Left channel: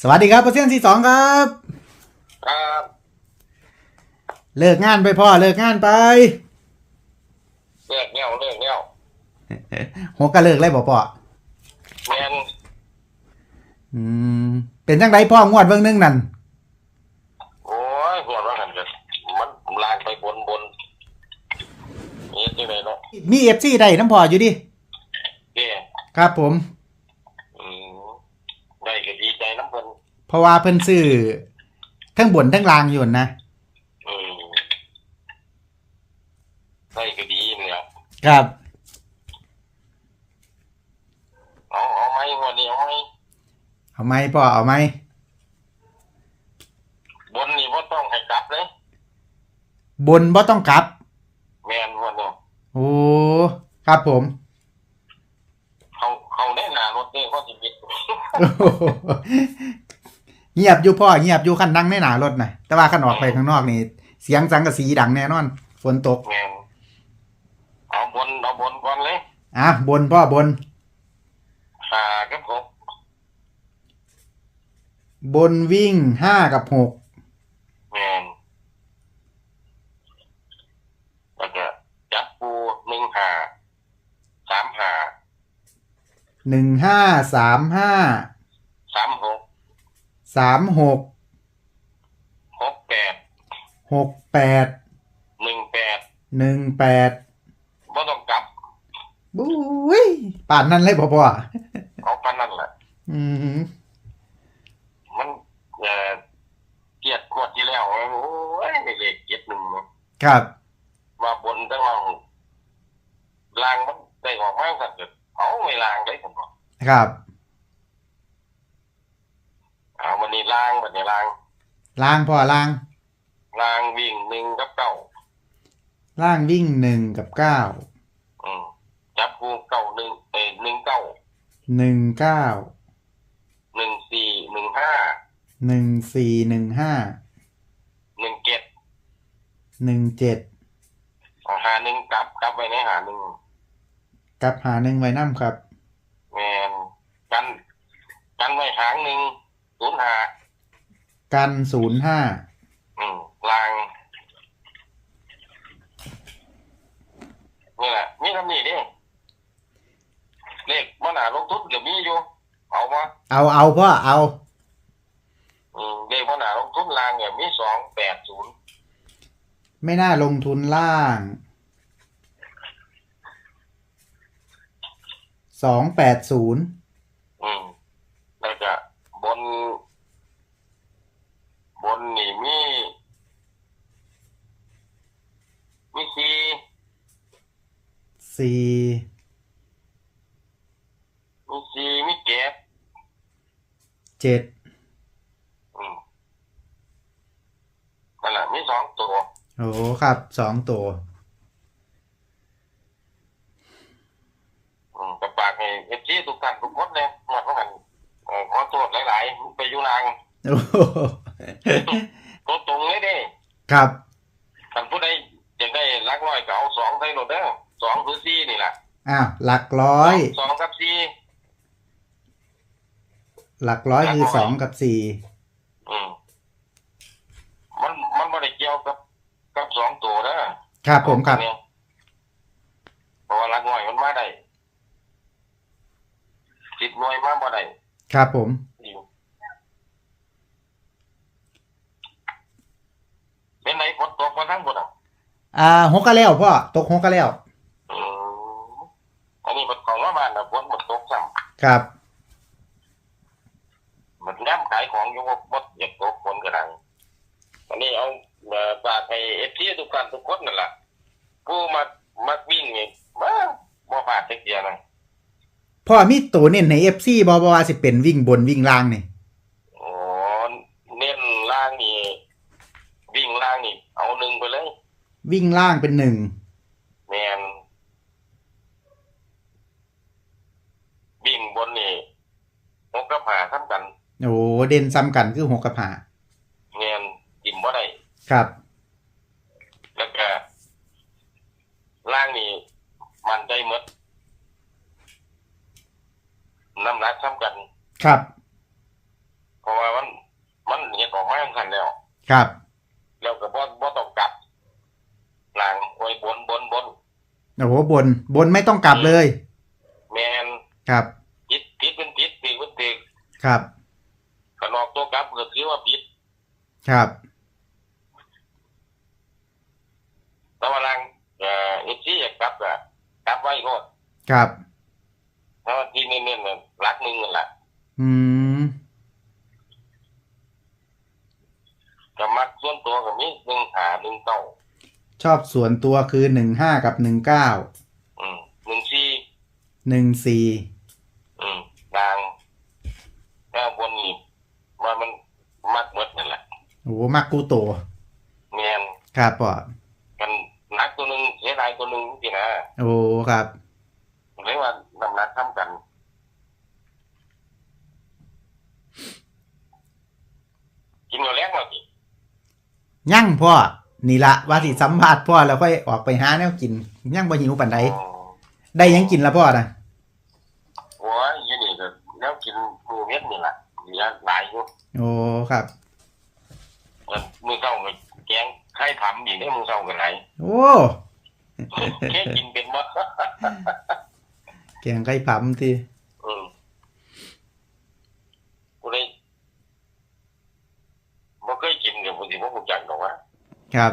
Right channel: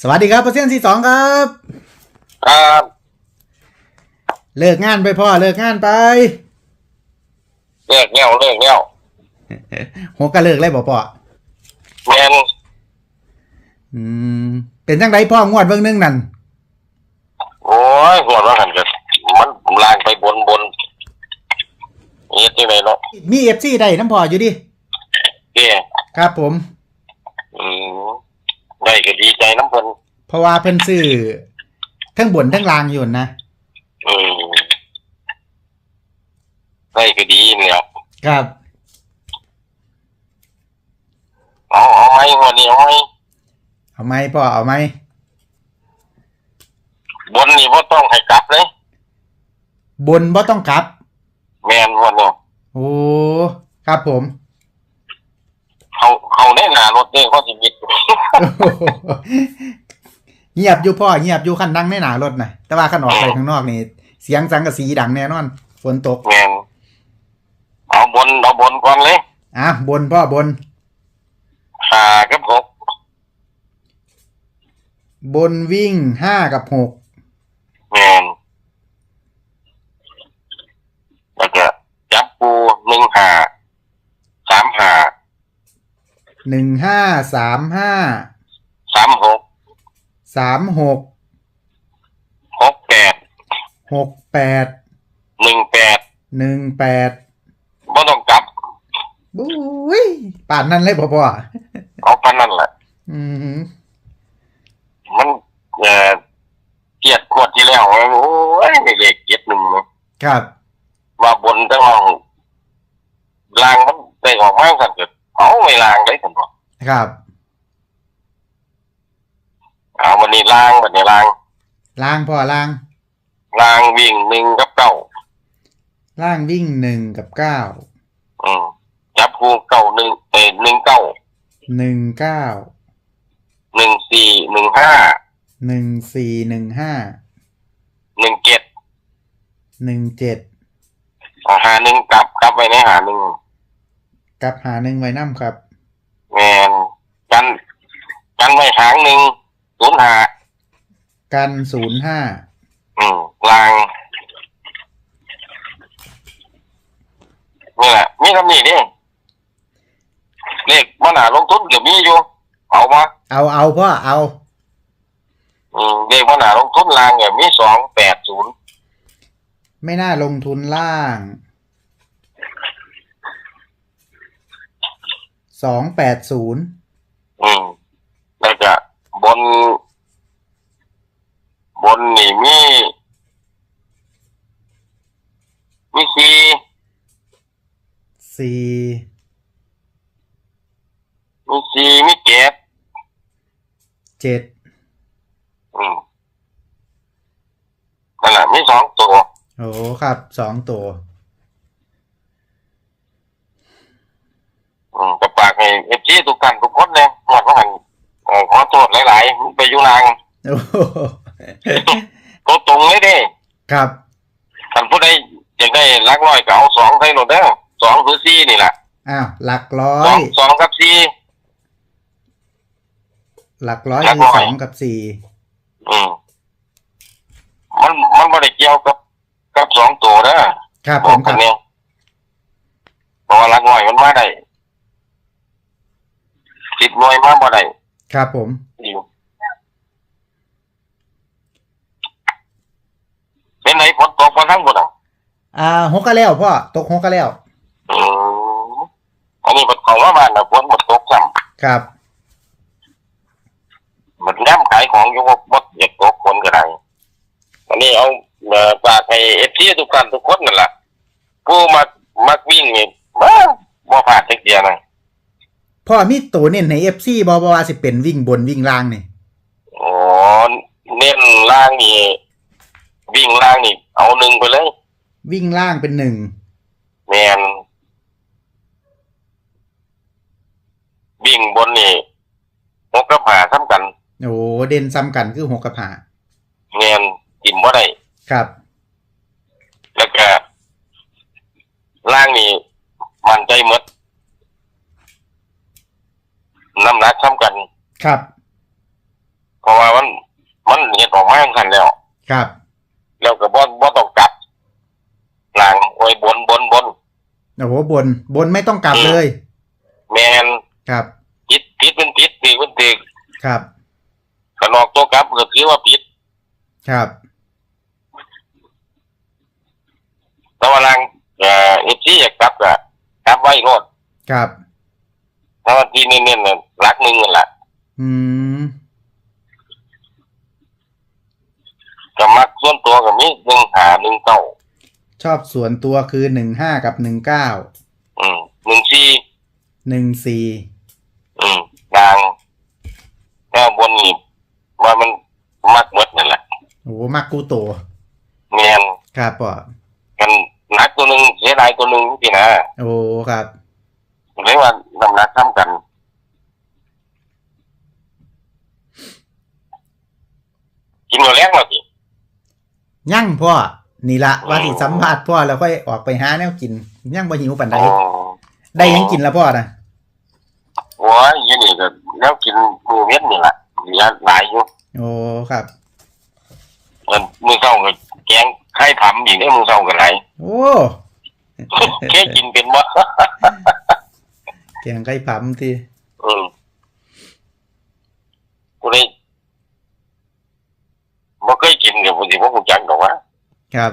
สวัสดีครับเปอร์เซ็นต์ที่สองครับ ครับเลิกงานไปพ่อเลิกงานไป เลิกเงี้ยวเลิกเงี้ยวหัวก็เลิกเลยบ่พ่อแมนอืมเป็นจังไดพ่องวดเบิ่งหนึงนั่นโอ้ยหัวเราะหันกันมันลางไปบนบนนี่ที่ไหนเนาะมีเอฟซีได้น้ำพ่ออยู่ดิเก้ครับผม อืม ได้ก็ดีใจน้ำเพิ่นเพราะว่าเพิ่นซื้อทั้งบนทั้งล่างอยู่นะอืมได้ก็ดีเนี่ยครับเอาเอาไหมวันนี้เอาไหมเอาไหมพ่อเอาไหมบนนี่ว่าต้องให้กลับเลยบนบ่ต้องกลับ แมนวันนี้โอ้ครับผม เขาเขาแน่หนารถเนี่ยเขาสิมิด เงียบอยู่พ่อเงียบอยู่คันนั่งในหนารถนะแต่ว่าคันออกไปข้างนอกนี่ เสียงสังกะสีดังแน่นอน ฝนตกแมนเอาบนเอาบนก่อนเลยอะบนพ่อบนหากับหกบนวิ่งห้ากับหกแมนแล้วก็จับปูหนึ่งหาสามหา หนึ่งห้าสามห้าสามหกสามหกหกแปดหกแปดหนึ่งแปดหนึ่งแปดบ่ต้องกลับบุ้ยป่านนั้นเลยพ่อพ่อเอาปานนั่นแหละอืมมันเอ่อเกียดขวดที่แล้วโอ้ยไม่เลขเกียดหนึ่งครับว่าบนทั้งห้องลางมันได้ออกมาสั่นเกิด เอาไม่ลางได้ผมบอกครับเอาวันนี้ลางวันนี้ลางล่างพ่อล่าง ลางวิ่งหนึ่งกับเก้าล่างวิ่งหนึ่งกับเก้าอืมจับคู่เก้าหนึ่งเอ้ยหนึ่งเก้าหนึ่งเก้าหนึ่งสี่หนึ่งห้าหนึ่งสี่หนึ่งห้าหนึ่งเจ็ดหนึ่งเจ็ดหาหนึ่งกลับกลับไปในหาหนึ่ง กับหาหนึ่งไว้น้ำครับ แมนกันกันไว้หางหนึ่งศูนย์หากันศูนย์ห้าอืมลางนี่แหละมีคำนี้ดิเลขมันหาลงทุนเกือบมีอยู่เอามาเอาเอาพ่อเอาอืมเลขมันหาลงทุนลางเนี่ยมีสองแปดศูนย์ไม่น่าลงทุนล่าง สองแปดศูนย์อืมแล้วก็บน บนนี่มีมีสี่สี่มีสี่มีเจ็ดเจ็ดอืมนั่นแหละมีสองตัว โอ้ครับสองตัว อืมกับปาก ให้เอฟซีทุกท่านทุกคนเลยหมดว่าหันเอ่อขอโทษหลายๆมันไปอยู่นางโอ้โหตัวตรงเลยเด้ครับท่านผู้ใดอยากได้รักร้อยก็เอาสองใส่โหลดเด้อสองคือสี่นี่แหละอ้าวหลักร้อสอยงสองกับสี่หลักร้อยหลักคือร้อยสองกับสี่อืมมันมันไม่ได้เกี่ยวกับกับสองตัวนะครับผมครับเนี่ยเพราะว่ารักร้อยมันมาได้ สิบหน่วยมาบ่ได้ครับผม อยู่เป็นไหนฝนตกมาทั้งหมดอะอ่าหกก็แล้วพ่อตกหกก็แล้วอืมอันนี้มันของว่าบ้านนะฝนหมดตกซ้ครับำหมดน้ำขายของอยู่ว่าบดอยากตกฝนก็ได้อันนี้เอาเอ่อฝากให้เอฟซีทุกท่านทุกคนนั่นแหละผู้มามักวิ่งนี่บ้าบ่ผ่านจักเดียวนะ พ่อมีตัวเน้นในเอฟซีบอบว่าสิเป็นวิ่งบนวิ่งล่างนี่โอ้เน้นล่างนี่วิ่งล่างนี่เอาหนึ่งไปเลย วิ่งล่างเป็นหนึ่งแมนวิ่งบนนี่หกกระผาซ้ำกัน โอ้เด่นซ้ำกันคือหกกับหาแมนกินบ่ได้ครับ แล้วก็ล่างนี่มันใจหมด น้ำหนักซ้ำกัน ครับ เพราะว่ามัน มันเห็ดออกมาทันแล้ว ครับ แล้วก็บ่บ่ต้องกลับหลังโอ้ยบนบนบนโอ้โหบน บนไม่ต้องกลับเลย แมนครับผิดผิดเป็นผิดตีเป็นตีครับขนอกตัวกลับก็ถือว่าผิด ครับแต่ว่าหลังเอ่อเอฟซีอยากกลับก็กลับไว้โลดครับ ถ้าวันที่นี่เนี่ยหลักหนึ่งนั่นแหละอืมก็มักส่วนตัวกับมีหนึ่งหาหนึ่งเก้าชอบส่วนตัวคือหนึ่งห้ากับหนึ่งเก้าอืมหนึ่งสี่หนึ่งสี่อืมดังแค่บนนี่ว่ามันมักหมดนั่นแหละโอ้โหมักกูโตแมนครับพ่อกันหนักตัวหนึ่งเสียดายตัวหนึ่งที่นะโอ้ครับ เรียกว่าน้ำหนักซ้ำกัน กินมาแล้วมาสิยั่งพ่อ นี่ละว่าสิสัมภาษณ์พ่อแล้วค่อยออกไปหาแนวกิน ยั่งบ่หิวปันใดอ๋อได้หยังกินละพ่อนะโอ้ยอยี่นี่ก็แล้วกินหมูเม็ดนี่แหละเหลือหลายอยู่โอ้ครับเออมือเศร้าก็แกงไข่ผำอีกได้มือเศร้าก็ไรโอ้ แค่กินเป็นบ่ แกงไก่ผำที่อืมกูได้บ่เคยกินกับผู้ที่บ่รู้จักดอกว่าครับ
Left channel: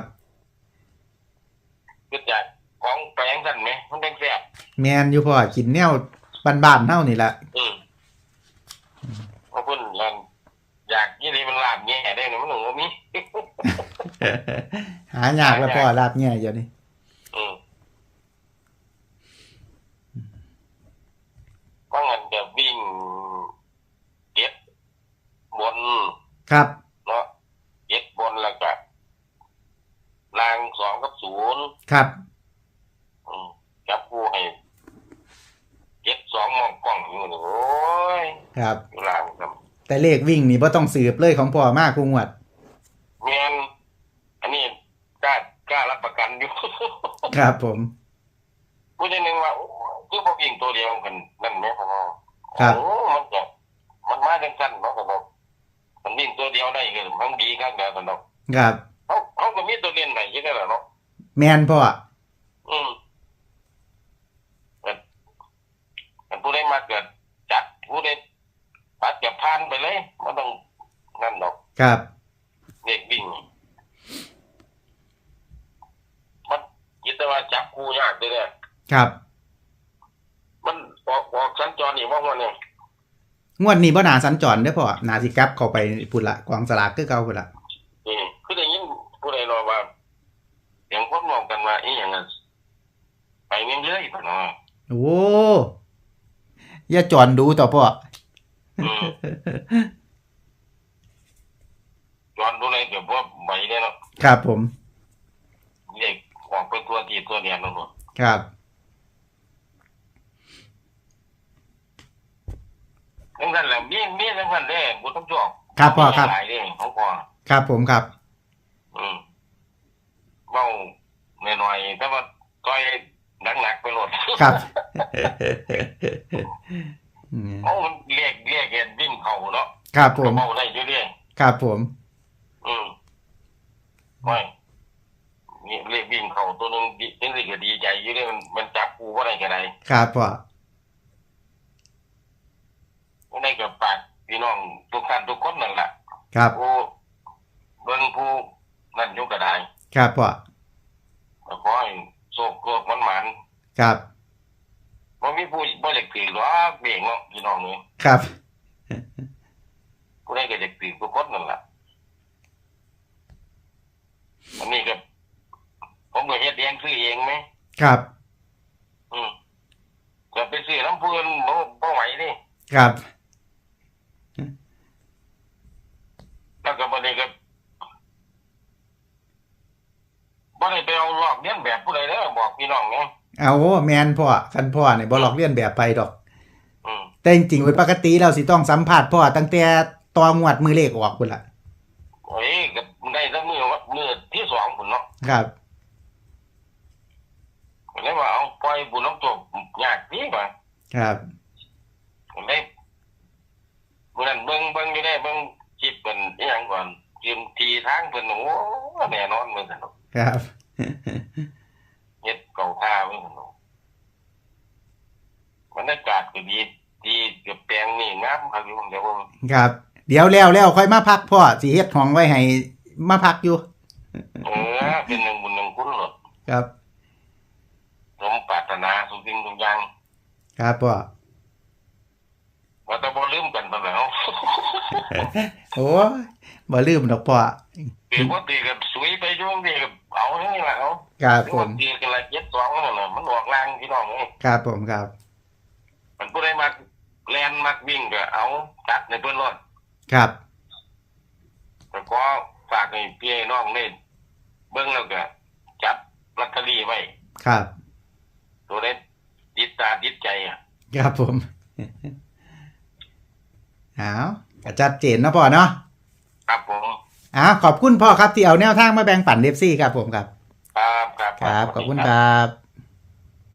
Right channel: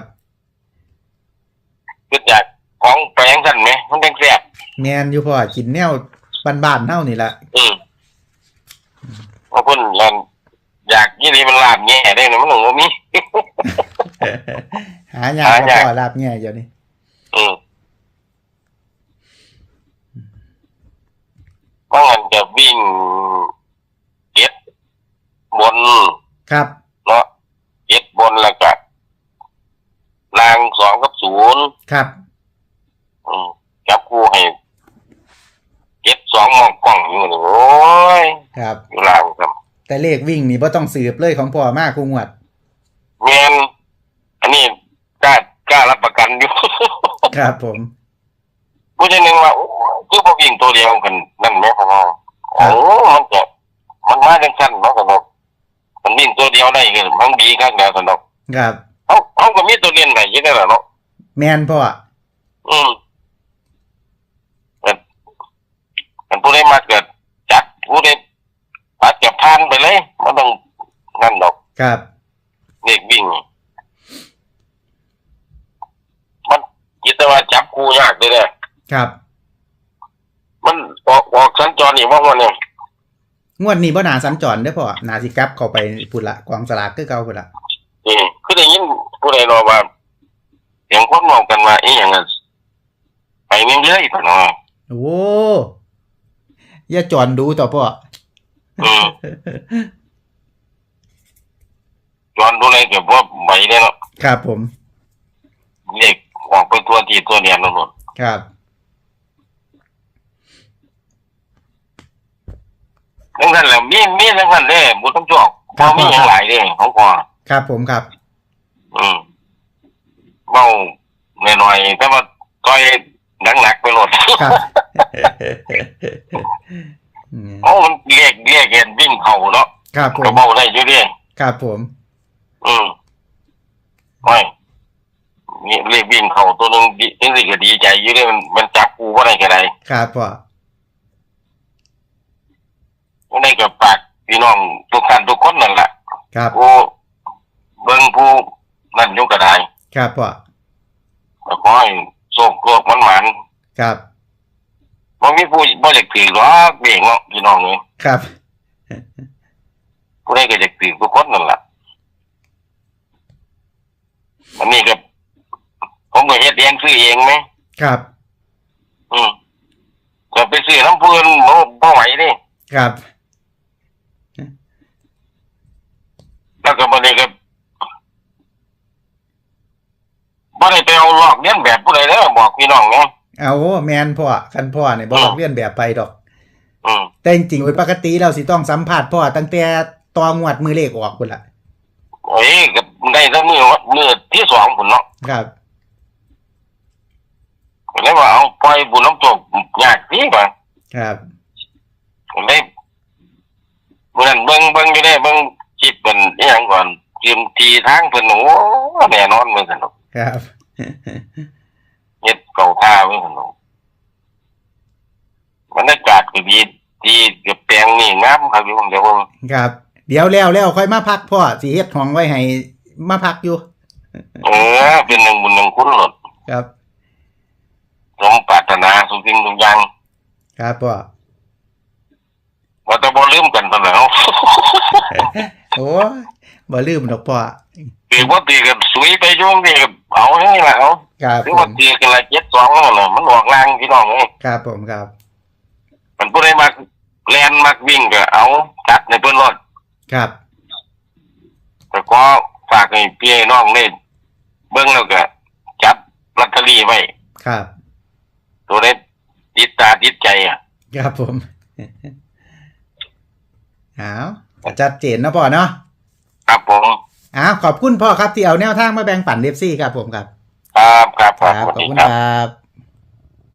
คืออยากของแปลงสั่นไหมมันแดงแซ่บแมนอยู่พ่อกินแนวบ้านๆเท่านี่ละอืมว่าเพิ่นนั่นอยากยี่นี่มันลาบแง่ได้นะมันหนูมีหายากละหายากพ่อลาบแง่เดี๋ยวนี้อืมก็งั้น จะวิ่งเก็ดบนครับเนาะเก็ดบนแล้วก็ลางสองกับศูนย์ครับอืมจับคู่ให้เก็ดสองมองกล้องอยู่นี่โอ้ยครับ อยู่ลางครับแต่เลขวิ่งนี่บ่ต้องสืบเลยของพ่อมากกูงวดเมียนอันนี้กล้ากล้ารับประกันอยู่ ครับผม ผู้ชายหนึ่งว่าโอ้คือพวกยิงตัวเดียวกันนั่นแหม่พ่อครั โอ้บมันจะมันมาจังสั้นเนาะสนุกมันวิ่งตัวเดียวได้เงินมันดีข้างเดียวสนุกครับ เขาเขาก็มีตัวเรียนไหนอยังไงล่ะเนาะแมนพ่ออืมแต่แต่ผู้ใดมาเกิดจัดผู้ใดปัดจะพานไปเลยมันต้องนั่นดอกครับ เด็กวิ่ง มันยิตว่าจับคู่ยากเลยเนี่ย ครับมันออก ออกสัญจรนี่ว่าวันนี่ยงวดนี้บ่หนาสัญจรเด้อพ่อนาสิกลับเข้าไปพุ่นละกองสลากคือเก่าพุ่นละนี่คือได้ยินผู้ใดรอว่าเสียงคนเมองกันว่าอีหยังนั้นไปเรื่อยๆพ่อเนาะโอ้อย่าจอนดูต่อพ่ออืมจอนดูเลยเก็บว่าไหวได้เนาะครับผมเรียกออกไปตัวที่ตัวเดียนแล้วหมดครับ ทั้งนั้นแหละมีมีทั้งนั้นเด้บุต้องจอกครับพ่มีออคย่ารับงหลายเด้ของพ่อครับผมครับ อืมเมาหน่อยๆแต่ว่าต้อยหนักๆไปหมดครับ อืมโอ้มันเรียกเรียกเห็นวิ่งเข่าเนาะครับผก็มเมาได้อยู่เดิครับผม อืมไม่นี่เรียกวิ่งเข่าตัวหนึงดิจังสิก็ดีใจอยู่เดิมันมันจับกูว่าได้ก็ได้ ครับพ่อ บ่ได้กับปากพี่น้องทุกท่านทุกคนนั่นแหละครับผู้เบิ่งผู้นั่นอยู่ก็ได้ครับพ่อก็ขอให้โชคโลกมันหมันครับบ่มีผู้บ่อยากถือหรอกเบ่งเนาะพี่น้องนี่ครับ ผู้ใดก็อยากถือทุกคนนั่นแหละอันนี้ก็ผมก็เฮ็ดเองซื้อเองไหมครับอืมก็ไปซื้อน้ำเพื่อนบ่บ่ไหวนี่ครับ แล้วก็บ่ได้ก็บ่ได้ไปเอาลอกเลียนแบบผู้ใดเด้อบอกพี่น้องเนาะเอาแมนพ่อคันพ่อเนี่ยบ่หลอกเลียนแบบไปดอก อืมแต่จริงๆโดยปกติเราสิต้องสัมภาษณ์พ่อตั้งแต่ตองวดมือเลขออกพุ่นละโอ้ยก็ได้แต่มือมือที่สองพุ่นเนาะครับก็เลยว่าเอาปล่อยบุญน้ำตกยากพี่ป่ะครับก็เลยเมื่อนั้นเบิ่งเบิ่งอยู่ได้เบิ่ง คิดเป็นอหย่างก่อนยืมทีทางเพิ่นโอ้แน่นอนเหมือนกันเนาะครับ เฮ็ดเก่าท่าเหมือนกันเนาะบรรยากาศก็ดีที่กับแปลงนี่งามครับอยู่ผมเดี๋ยวผมครับ เดี๋ยวแล้วแล้วค่อยมาพักพ่อสิเฮ็ดห้องไว้ให้มาพักอยู่ เออเป็นหนึ่งบุญหนึ่งคุณหลดครับสมปรารถนาสุสิ่งทุกอย่างครับพ่อว่าจะบ่ ลืมกันตอนแล้ว โอ้ยบ่ลืมดอกพ่อตีว่าตีกันสวยไปช่วงนี้ก็เอาอย่างนี้แหละเอาครับหรือผว่ามตีกันละเจ็ดสองนั่นแหละมันออกลางพี่น้องเอ้ยครับผมครับมันผู้ใดมักแลนมักวิ่งก็เอาจัดในเพิ่นรถครับแต่ก็ฝากให้พี่ให้น้องเล่นเบิ่งแล้วก็จับลอตเตอรี่ไว้ครับตัวได้ติดตาติดใจอะ ครับผมเอาก็ชัดเจนเนาะพ่อเนาะครับผมอ้าวขอบคุณพ่อครับที่เอาแนวทางมาแบ่งปันเดฟซี่ครับผมครับ ครับครับครับสขวัอบสดีคุณครับครับ